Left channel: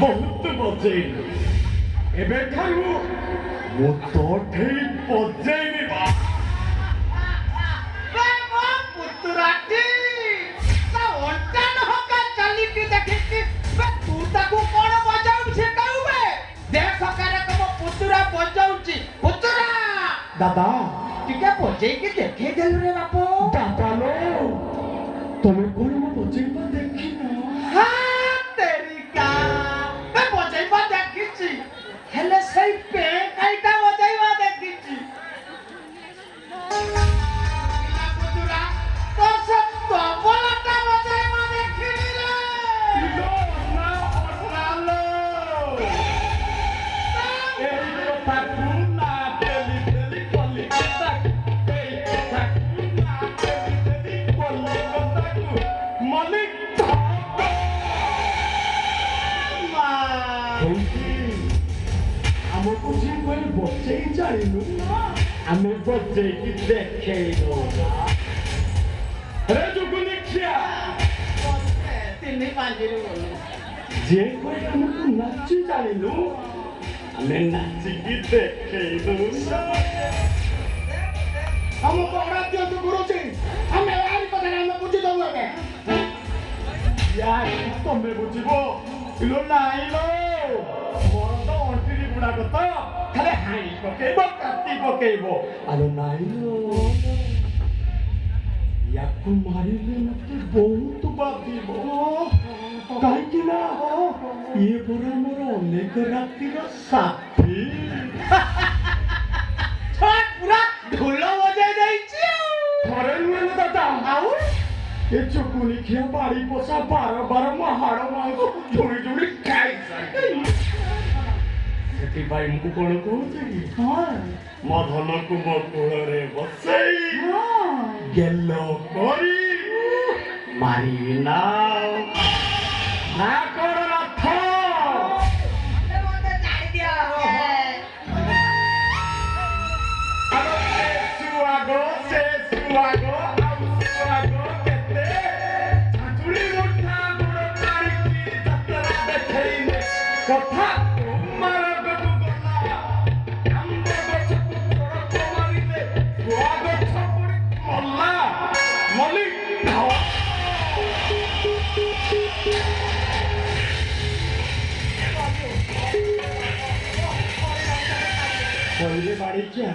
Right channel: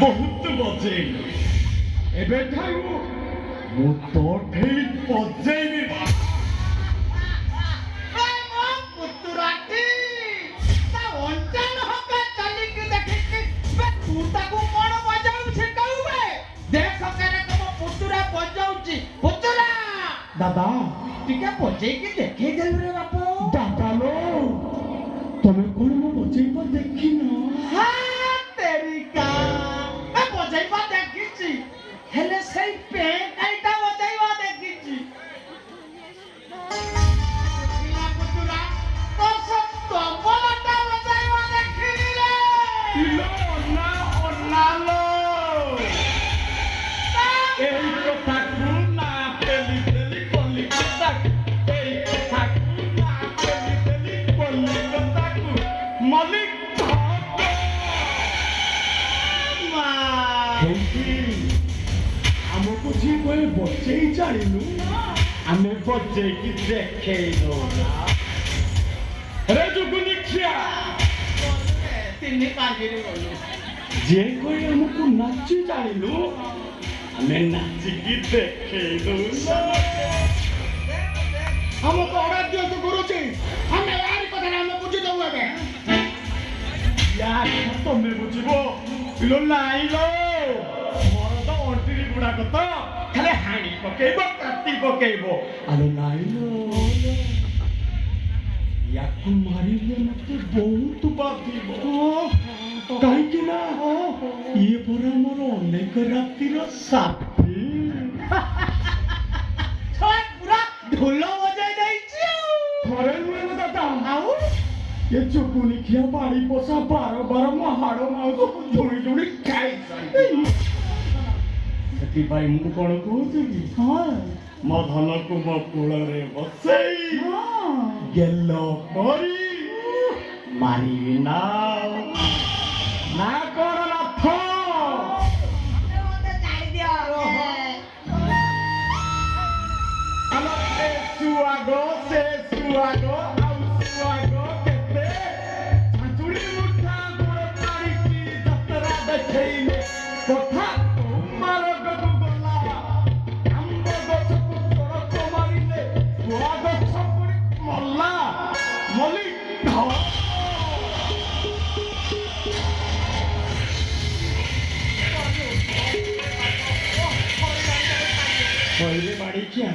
बहुत बजेल एबे खाइबो वो तो ठीक बजेल बाबा पुतराटी ता ओंटा न होका चली की देखि बे तू ताकू कोन बजाऊ छे कहूबे देख करे कब पुतरा बजाऊची पुतरा दादा टिके बजे की देखे देल रे बापू दादा लो तमे कोन मो बजे पर देखी ना हां तेरी का बे बजे पर देखिची हेले सही पे काईटा बजाईवा देखिची इला पुतरा तो सब तो बोलता बजाईवा देखिली रे इलो ना लो एई तो ठाकुर ना तेली तेली कोली तक एई ठाकुर ना तेली तेली कोली तक मालिक हमको जी कोई बच्चे ही चाहिए हमें बच्चे की देखे लो अरे जो गुनिया तिन्नी पांजरी बोली जे कोई हमको नाची चाहिए हमें नाची की देखे लो हमको ऑर्डर दियो तो गुरु जी हमें यार को देना हमें पूछ दो बे यार तो मैं बुझिबो इलो लाइलो मोर तो अंतिरी गुडा को तो खाली हाणी पकेबो काटी पकेबो अरे नाइलो याकु मारिले मते बहुत बाधिबो काई कि ना ये परे मोर अनेक रातिर साथी छोड़ पूरा ढोलो बजाय देइछि थरे नुए न दादा आउ ये चुकुली खिया बाड़ी पोसा बार बार महाड़ो मांगो झुड़ी झुड़ी खाई साई सेति भाई मुको कोन कहूचे कि हां मधन को मकुल रे बसई हां गेलो करी मारी ना कर रथ मते जाई दिया अलो सुआगो बाड़ी क्या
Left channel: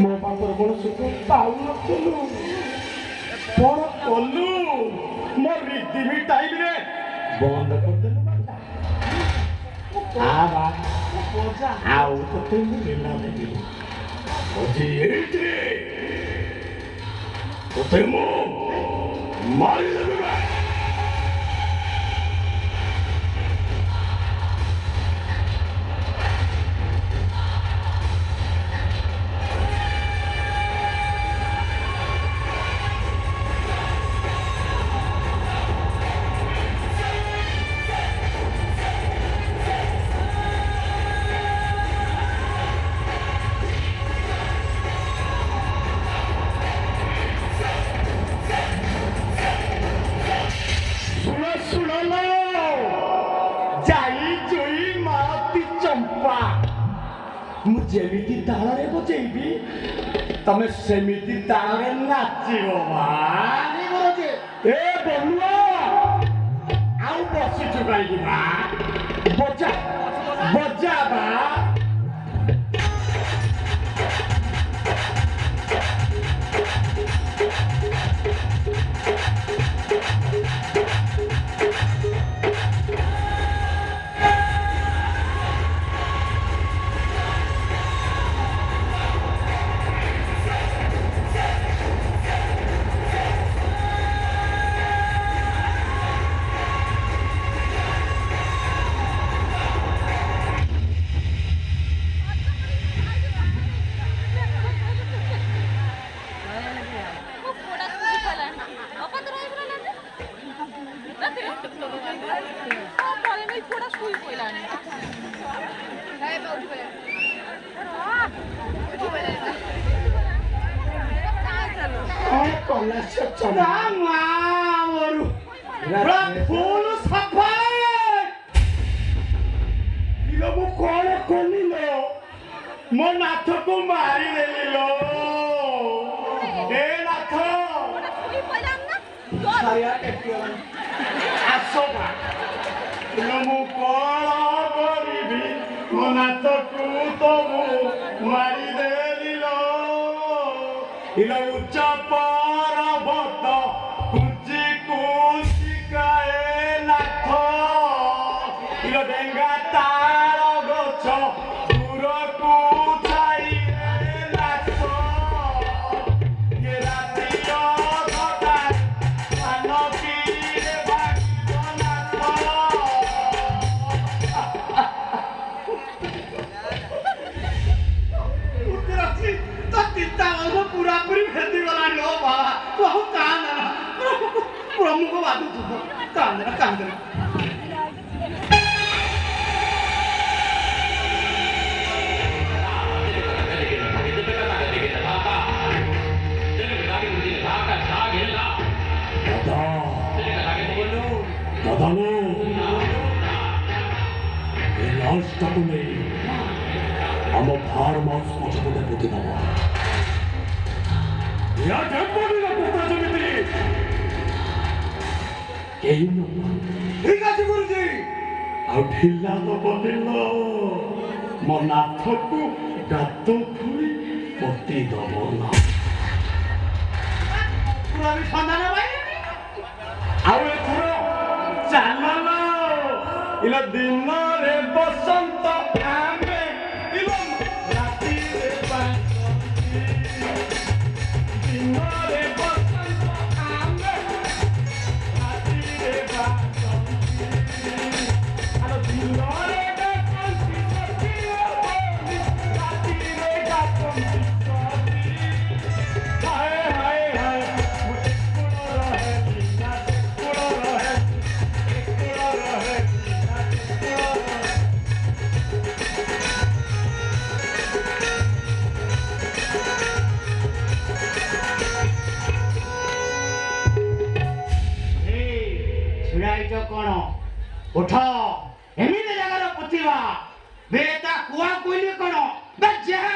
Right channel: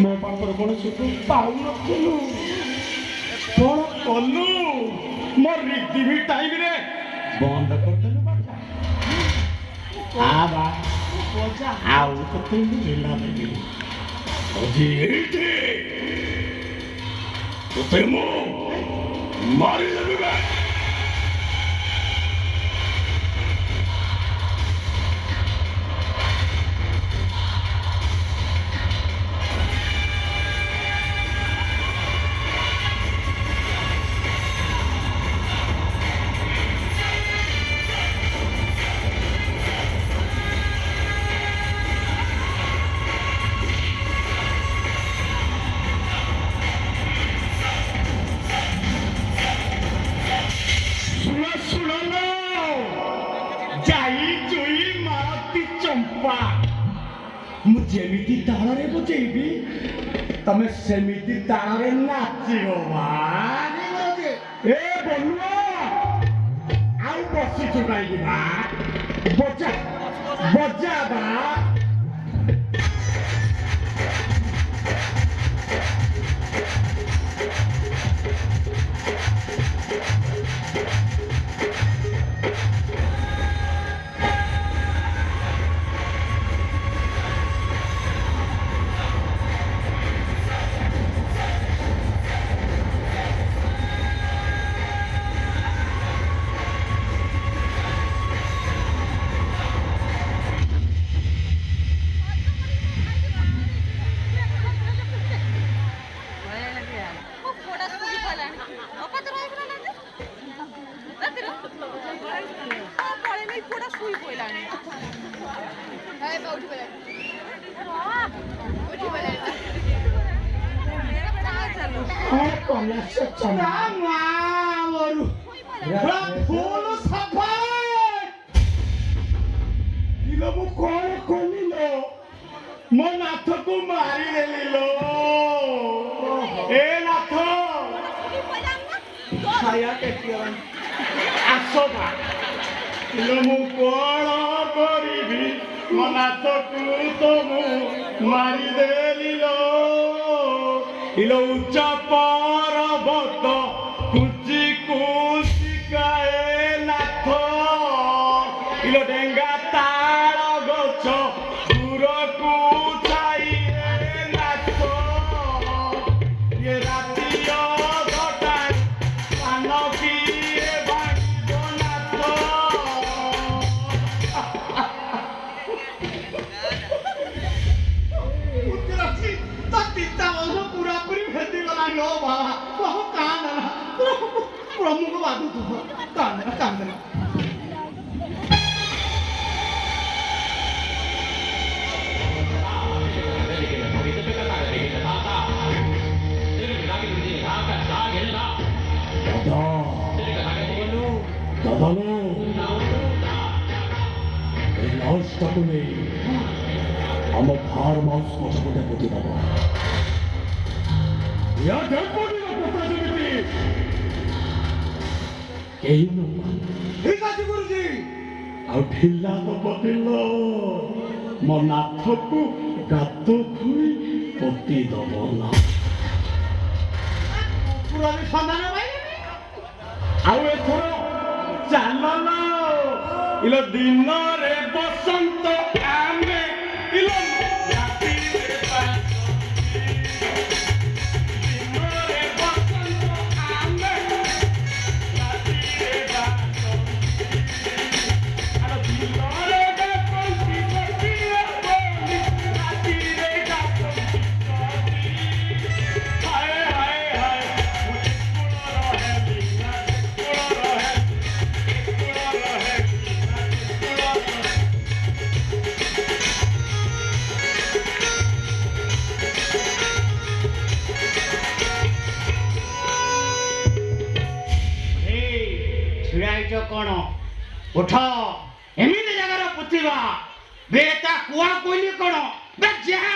मो पापर कोन सुख पाउ रखलु कोन दिमी टाइम रे बंद कर देले बाटा आवा बजा आओ तो तुम मिला दे ओजी एटे तो तेमो मारी देबे जेमिति तारे बजेबी तमे सेमिति तारे नाचिबो माने बजे ए बलुआ आउ बसी चुकाई बा बजा बजा बा ମୋ ନାଥକୁ ମାରି ଦେଲିଲୋ ଏ ନାଥ ଛାୟା କେଟିଅ ଆସବା ଇଲୋ ମୁଁ କଣ କରିବି ମୋ ନାଥକୁ ତ ମୁଁ ମାରି ଦେଲିଲୋ ଇଲୋ ଉଚ୍ଚ ପର୍ବତ କୁଞ୍ଚି କୁଞ୍ଚିକାଏ ନାଥ ଇଲୋ ଡେଙ୍ଗା ତାଳ ଗଛ प्रमुख बात कांदना ଆମ ଫାର୍ମ ହାଉସ୍ ପଛପଟେ ପୋତିଦେବ ୟା ଢେଙ୍କୁଆଟିର ପୋତା ଯେମିତି କେହି ଠିକ ଅଛି ଗୁରୁଜୀ ଆଉ ଢିଲା ଦବ ଦିନ ମୋ ନାଥକୁ ଗାତ ଖୋଳି ପୋତି ଦବ ନା ପୁରା ବି ସନ୍ଧାନ ଭାଇ ଆଉ ଏଥର ଚାଲ ଇଲୋ ଦିନରେ ବସନ୍ତ ଆମେ ଇଲୋ ରାତିରେ ଦିନରେ ବସନ୍ତ ଆମେ ରାତିରେ कौन उठ एमती जगह पुतिवा बेटा कुआ कोइली कौन जहाँ